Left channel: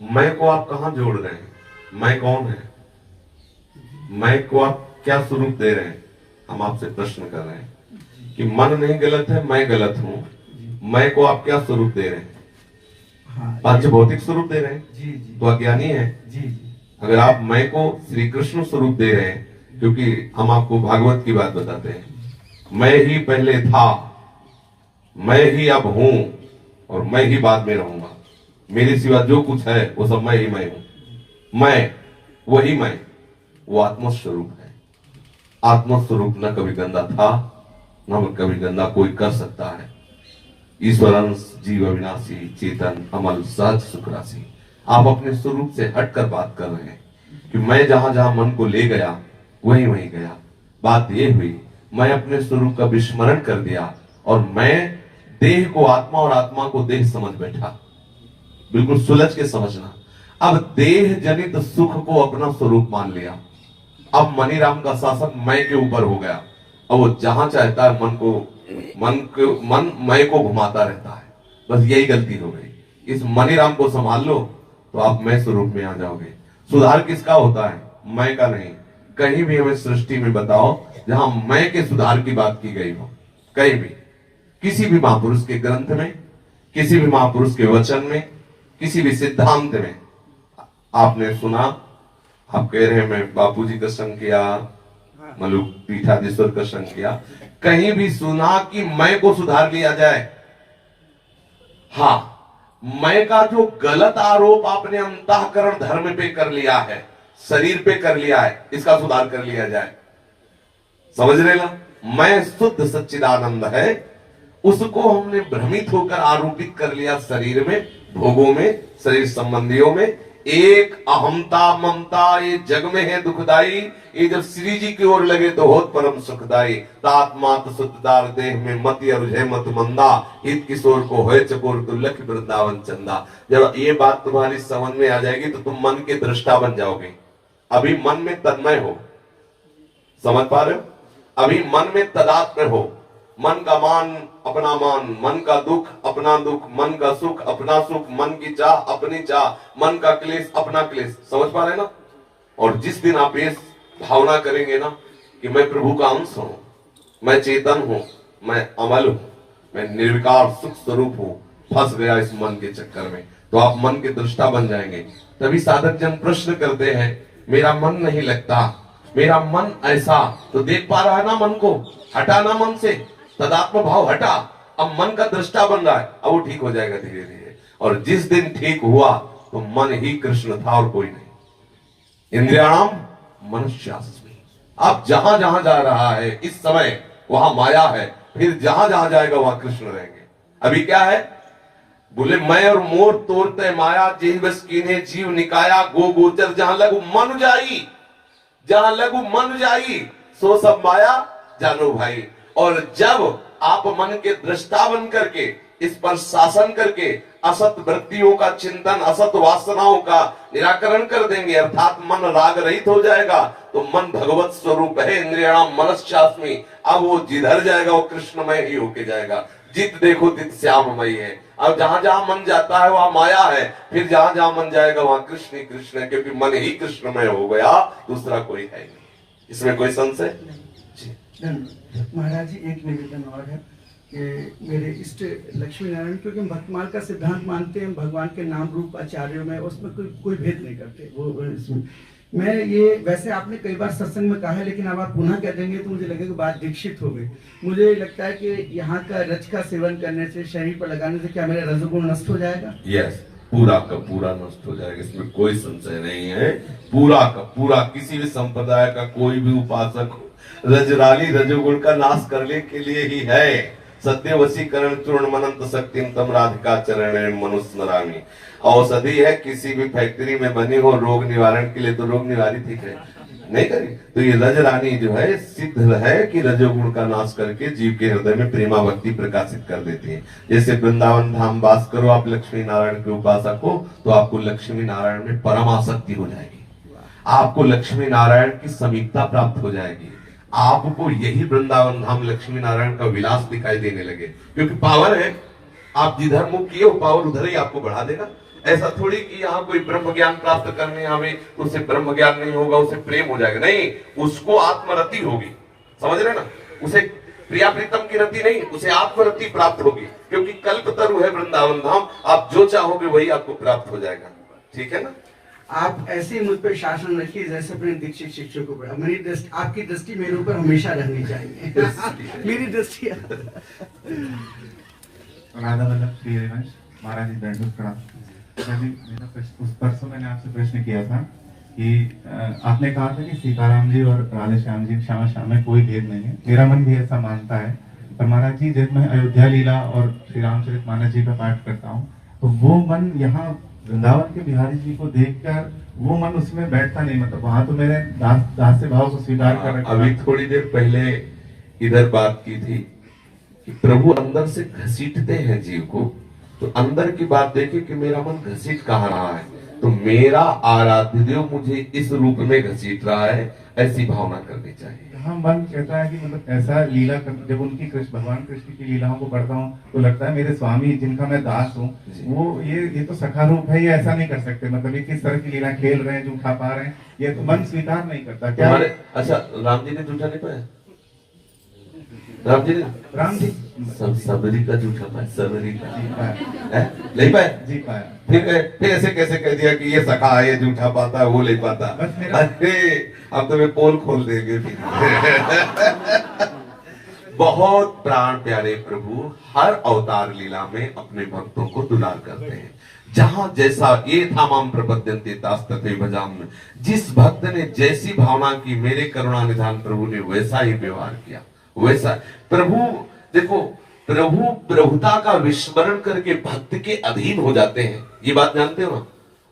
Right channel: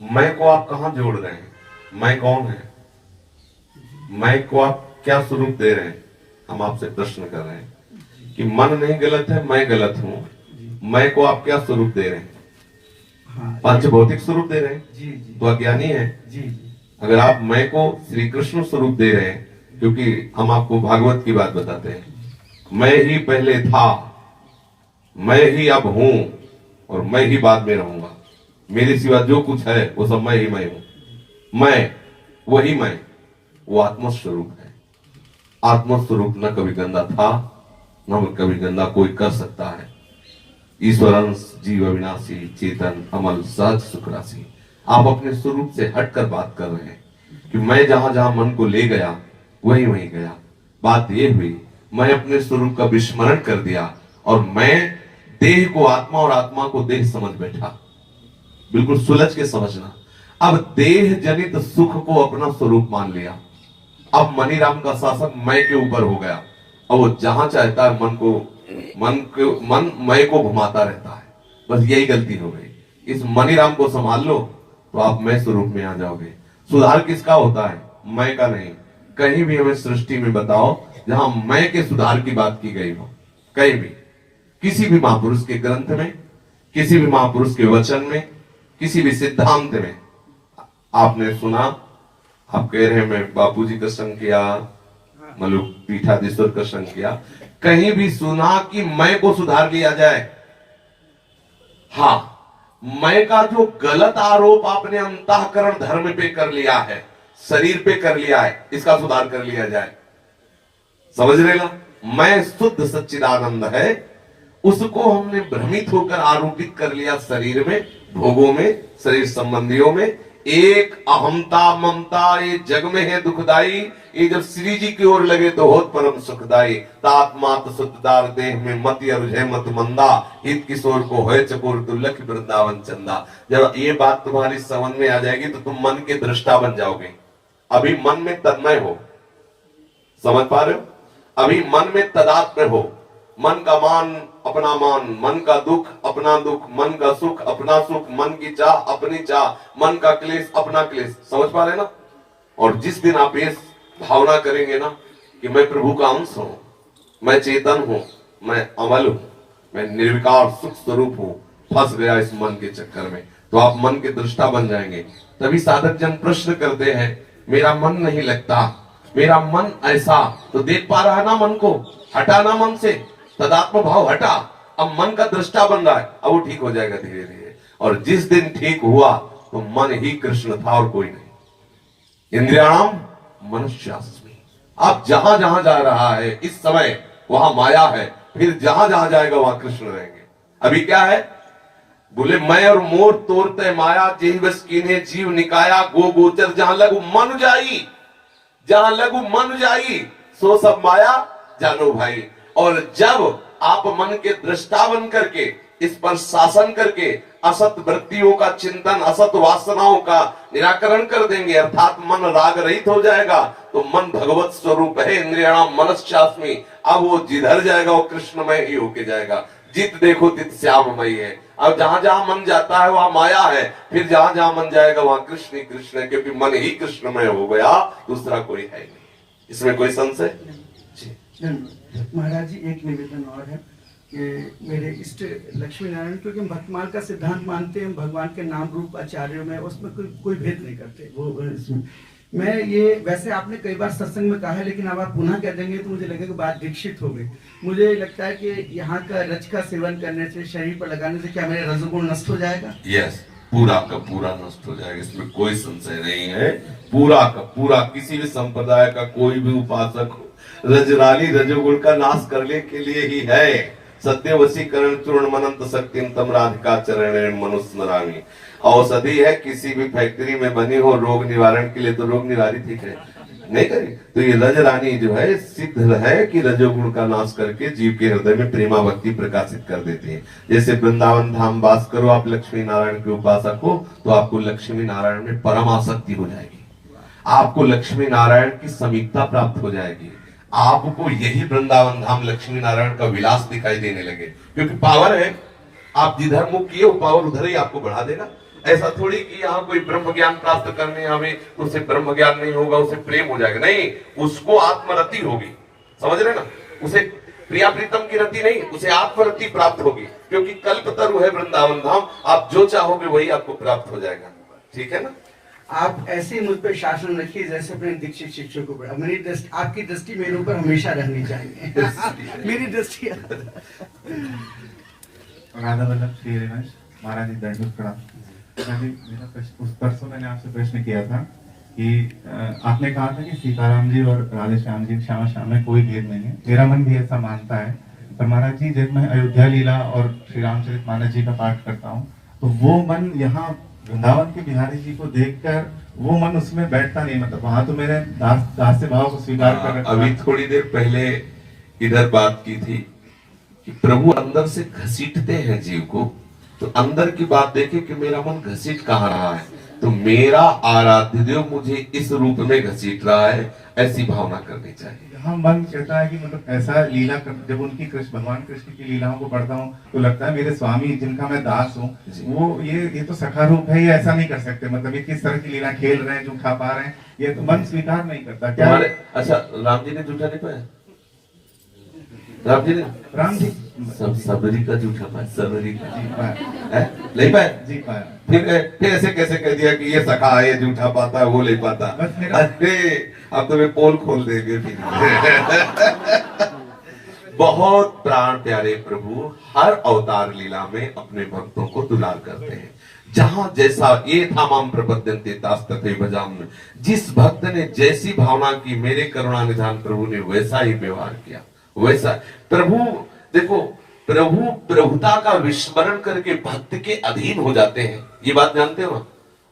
मैं को आप कहां जोड़ रहे हैं? मैं कौन है? मैं को आप क्या स्वरूप दे रहे हैं? हम आपसे प्रश्न कर रहे हैं कि मन नहीं गलत है, मैं गलत हूं। मैं को आप क्या स्वरूप दे रहे हैं? पंच भौतिक स्वरूप दे रहे हैं, तो अज्ञानी है। अगर आप मैं को श्री कृष्ण स्वरूप दे रहे हैं, क्योंकि हम आपको भागवत की बात बताते हैं, मैं ही पहले था, मैं ही अब हूं और मैं ही बाद में रहूंगा। मेरे सिवा जो कुछ है वो सब मैं ही मैं हूं। मैं, वही मैं, वो आत्मस्वरूप है। आत्मस्वरूप न कभी गंदा था, न कभी गंदा कोई कर सकता है। ईश्वर अंश जीव अविनाशी चेतन अमल सहज सुख राशि। आप अपने स्वरूप से हटकर बात कर रहे हैं कि मैं जहां जहां मन को ले गया वहीं वहीं गया। बात ये हुई, मैं अपने स्वरूप का विस्मरण कर दिया और मैं देह को आत्मा और आत्मा को देह समझ बैठा। बिल्कुल सुलझ के समझना। अब देह जनित सुख को अपना स्वरूप मान लिया। अब मनीराम का शासन मैं के ऊपर हो गया। अब वो जहां चाहता है मन मैं को घुमाता रहता है। बस यही गलती हो गई। इस मनीराम को संभाल लो तो आप मैं स्वरूप में आ जाओगे। सुधार किसका होता है? मैं का नहीं। कहीं भी हमें सृष्टि में बताओ जहां मैं के सुधार की बात की गई हो, कहीं भी, किसी भी महापुरुष के ग्रंथ में, किसी भी महापुरुष के वचन में, किसी भी सिद्धांत में आपने सुना? आप कह रहे हैं मैं बापूजी का संग किया, मतलब पीठाधीश्वर का संग किया, कहीं भी सुना कि मैं को सुधार लिया जाए? हाँ, मैं का जो गलत आरोप आपने अंतःकरण धर्म पे कर लिया है, शरीर पे कर लिया है, इसका सुधार कर लिया जाए। समझ रहे ना? मैं शुद्ध सच्चिदानंद है, उसको हमने भ्रमित होकर आरोपित कर लिया शरीर में, भोगों में, शरीर संबंधियों में। एक अहमता ममता ये जग में है दुखदाई, ये जब श्री जी की ओर लगे तो होत परम सुखदाई। तात्मात सुखदार देह में मति और मत मंदा, हित किशोर को होए चकोर तू लख वृंदावन चंदा। जब ये बात तुम्हारी समझ में आ जाएगी तो तुम मन के दृष्टा बन जाओगे। अभी मन में तन्मय हो, समझ पा रहे हो? अभी मन में तदात्म्य हो। मन का मान अपना मान, मन का दुख अपना दुख, मन का सुख अपना सुख, मन की चाह अपनी चाह, मन का क्लेश अपना क्लेश। समझ पा रहे ना? और जिस दिन आप ये भावना करेंगे ना कि मैं प्रभु का अंश हूं, मैं चेतन हूं, मैं अमल हूं, मैं निर्विकार सुख स्वरूप हूं, फंस गया इस मन के चक्कर में, तो आप मन के दृष्टा बन जाएंगे। तभी साधक जन प्रश्न करते हैं, मेरा मन नहीं लगता, मेरा मन ऐसा, तो देख पा रहा है ना मन को? हटा ना मन से, तदात्म भाव हटा, अब मन का दृष्टा बन रहा है। अब वो ठीक हो जाएगा धीरे धीरे। और जिस दिन ठीक हुआ तो मन ही कृष्ण था और कोई नहीं। इंद्रियाणाम मनुष्यास्मि। अब जहां जहां जा रहा है इस समय वहां माया है, फिर जहां जहां जाएगा वहां कृष्ण रहेंगे। अभी क्या है? बोले मैं और मोर तोड़ते माया, जेहि बस कीन्हे जीव निकाया, गो गोचर जहां लघु मन जाई, जहां लघु मन जाई सो सब माया जानो भाई। और जब आप मन के दृष्टा बन करके इस पर शासन करके असत वृत्तियों का चिंतन, असत वासनाओं का निराकरण कर देंगे, अर्थात मन राग रहित हो जाएगा, तो मन भगवत स्वरूप है। इंद्रियाणाम मनश्चास्मि। अब वो जिधर जाएगा वो कृष्णमय ही होके जाएगा। जित देखो तित श्याममय है। अब जहां जहां मन जाता है वहां माया है, फिर जहां जहां मन जाएगा वहां कृष्ण ही कृष्ण है, क्योंकि मन ही कृष्णमय हो गया, दूसरा कोई है नहीं। इसमें कोई संशय? महाराज जी, एक निवेदन और है कि मेरे इष्ट लक्ष्मी नारायण, क्योंकि हम भक्तमाल का सिद्धांत मानते हैं, भगवान के नाम रूप आचार्यों में उसमें कोई भेद नहीं करते। वो मैं ये वैसे आपने कई बार सत्संग में कहा है, लेकिन अब आप पुनः कह देंगे तो मुझे लगेगा बात दीक्षित हो गई। मुझे लगता है कि यहाँ का रज का सेवन करने से, शरीर पर लगाने से क्या मेरा रजोगुण नष्ट हो जाएगा? यस, पूरा का पूरा नष्ट हो जाएगा, इसमें कोई संशय नहीं है। पूरा का पूरा, किसी भी संप्रदाय का कोई भी उपासक रजराली रजोगुण का नाश करने के लिए ही है। सत्य वशीकरण चूर्ण मनंत शक्तिम तम राधिका चरण मनुष्य स्मरामी। औषधि है, किसी भी फैक्ट्री में बनी हो रोग निवारण के लिए, तो रोग निवारित ही करे, नहीं करे। तो ये रजरानी जो है सिद्ध है कि रजोगुण का नाश करके जीव के हृदय में प्रेमा भक्ति प्रकाशित कर देते हैं। जैसे वृंदावन धाम वास करो आप लक्ष्मी नारायण के उपासक हो, तो आपको लक्ष्मी नारायण में परम आसक्ति हो जाएगी, आपको लक्ष्मी नारायण की समीपता प्राप्त हो जाएगी, आपको यही वृंदावन धाम लक्ष्मी नारायण का विलास दिखाई देने लगे, क्योंकि पावन है। आप जिधर मुख किए हो पावर उधर ही आपको बढ़ा देगा। ऐसा थोड़ी कि यहाँ कोई ब्रह्म ज्ञान प्राप्त करने हमें उससे ब्रह्म ज्ञान नहीं होगा, उसे प्रेम हो जाएगा, नहीं, उसको आत्मरति होगी, समझ रहे ना, उसे प्रिया प्रीतम की रति नहीं, उसे आत्मरति प्राप्त होगी, क्योंकि कल्पतरु है वृंदावन धाम, आप जो चाहोगे वही आपको प्राप्त हो जाएगा। ठीक है ना। आप ऐसे ही मुझ पर शासन रखिए जैसे अपने दीक्षित शिक्षकों पर। मेरी दृष्टि, आपकी दृष्टि मेरे ऊपर हमेशा रहनी चाहिए। मेरी दृष्टि। राधा वल्लभ श्री हरिवंश महाराज जी दंडवत प्रणाम। अभी मेरा प्रश्न, उस परसों मैंने आपसे प्रश्न किया था कि आपने कहा था कि सीताराम जी और राधे श्याम जी श्यामा श्याम में कोई भेद नहीं है। मेरा मन भी ऐसा मानता है, पर महाराज जी जब मैं अयोध्या लीला और श्री रामचरितमानस जी का पाठ करता हूँ तो वो मन यहाँ वृंदावन के बिहारी जी को देखकर वो मन उसमें बैठता नहीं, मतलब वहां तो मेरे दास भाव को स्वीकार कर रखा। अभी थोड़ी देर पहले इधर बात की थी कि प्रभु अंदर से घसीटते हैं जीव को, तो अंदर की बात देखे कि मेरा मन घसीट कहाँ रहा है, तो मेरा आराध्य देव मुझे इस रूप में घसीट रहा है, ऐसी भावना करनी चाहिए। यहाँ मन कहता है कि मतलब ऐसा लीला जब उनकी भगवान कृष्ण की लीलाओं को पढ़ता हूँ तो लगता है मेरे स्वामी जिनका मैं दास हूँ वो ये तो सखा रूप है, ये ऐसा नहीं कर सकते, मतलब ये किस तरह की लीला खेल रहे हैं जो खा पा रहे हैं, ये तो मन स्वीकार नहीं करता। क्या अच्छा, राम जी ने जूठा नहीं पाया? राम जी सबरी का जूठा पाया, सबरी का नहीं पाया जी पाया। फिर ऐसे कैसे कह दिया कि ये सखा है, ये जूठा पाता है, वो नहीं पाता? अरे अब तो मैं पोल खोल देंगे फिर। बहुत प्राण प्यारे प्रभु हर अवतार लीला में अपने भक्तों को दुलार करते हैं। जहां जैसा ये था माम प्रपद्यन्ते तास्तथे भजाम, जिस भक्त ने जैसी भावना की मेरे करुणा निधान प्रभु ने वैसा ही व्यवहार किया, वैसा प्रभु। देखो, प्रभु प्रभुता का विस्मरण करके भक्त के अधीन हो जाते हैं, ये बात जानते हो ना।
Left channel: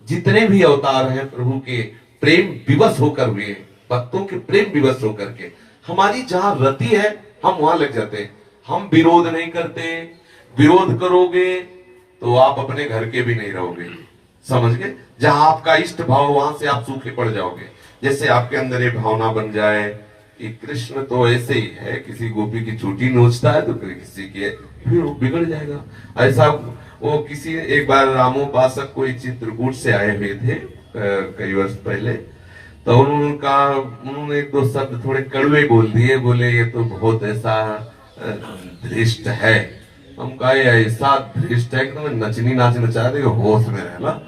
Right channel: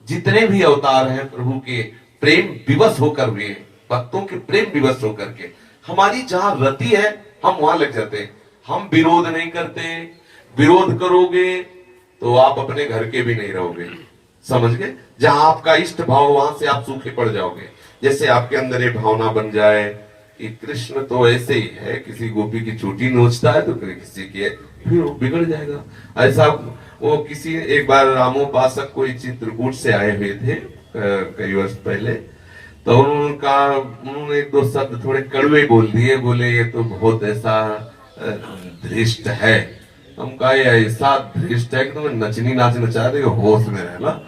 जितने भी अवतार हैं प्रभु के प्रेम विवश होकर हुए, भक्तों के प्रेम विवश होकर के, हमारी जहां रति है हम वहां लग जाते हैं। हम विरोध नहीं करते, विरोध करोगे तो आप अपने घर के भी नहीं रहोगे, समझ गए। जहां आपका इष्ट भाव वहां से आप सूखे पड़ जाओगे। जैसे आपके अंदर ये भावना बन जाए कि कृष्ण तो ऐसे ही है, किसी गोपी की चोटी नोचता है तो किसी की, फिर वो बिगड़ जाएगा। ऐसा वो किसी एक बार रामोपासक कोई चित्रकूट से आए हुए थे कई वर्ष पहले, तो उन्होंने एक दो शब्द थोड़े कड़वे बोल दिए, बोले ये तो बहुत ऐसा धृष्ट है। हम कहा ऐसा धृष्ट है कि तुम्हें नचनी नाच नचा दे, होश में रहना।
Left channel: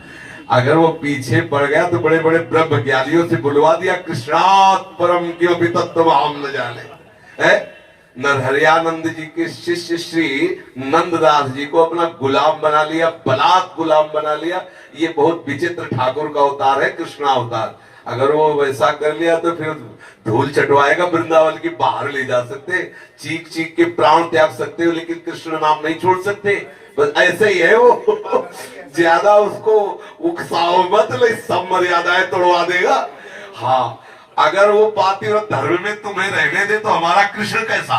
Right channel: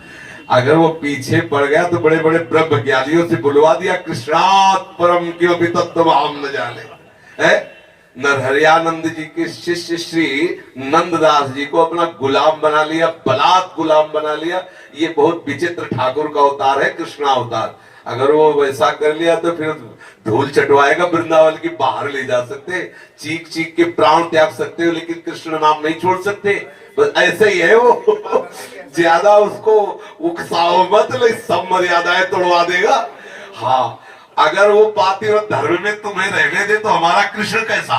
अगर वो पीछे पड़ गया तो बड़े बड़े ब्रह्म ज्ञानियों से बुलवा दिया, कृष्णात् परम क्यों भी तत्व हम न जाने है। नरहरियानंद जी के शिष्य श्री नंददास जी को अपना गुलाम बना लिया, बलात् गुलाम बना लिया। ये बहुत विचित्र ठाकुर का अवतार है, कृष्णा अवतार। अगर वो वैसा कर लिया तो फिर धूल चटवाएगा, वृंदावन की बाहर ले जा सकते, चीख चीख के प्राण त्याग सकते हो, लेकिन कृष्ण नाम नहीं छोड़ सकते। बस ऐसे ही है वो। ज्यादा उसको उकसाओ मत, सब मर्यादाएं तोड़वा देगा। हाँ, अगर वो पातिव्रत धर्म में तुम्हें रहने दे तो हमारा कृष्ण कैसा।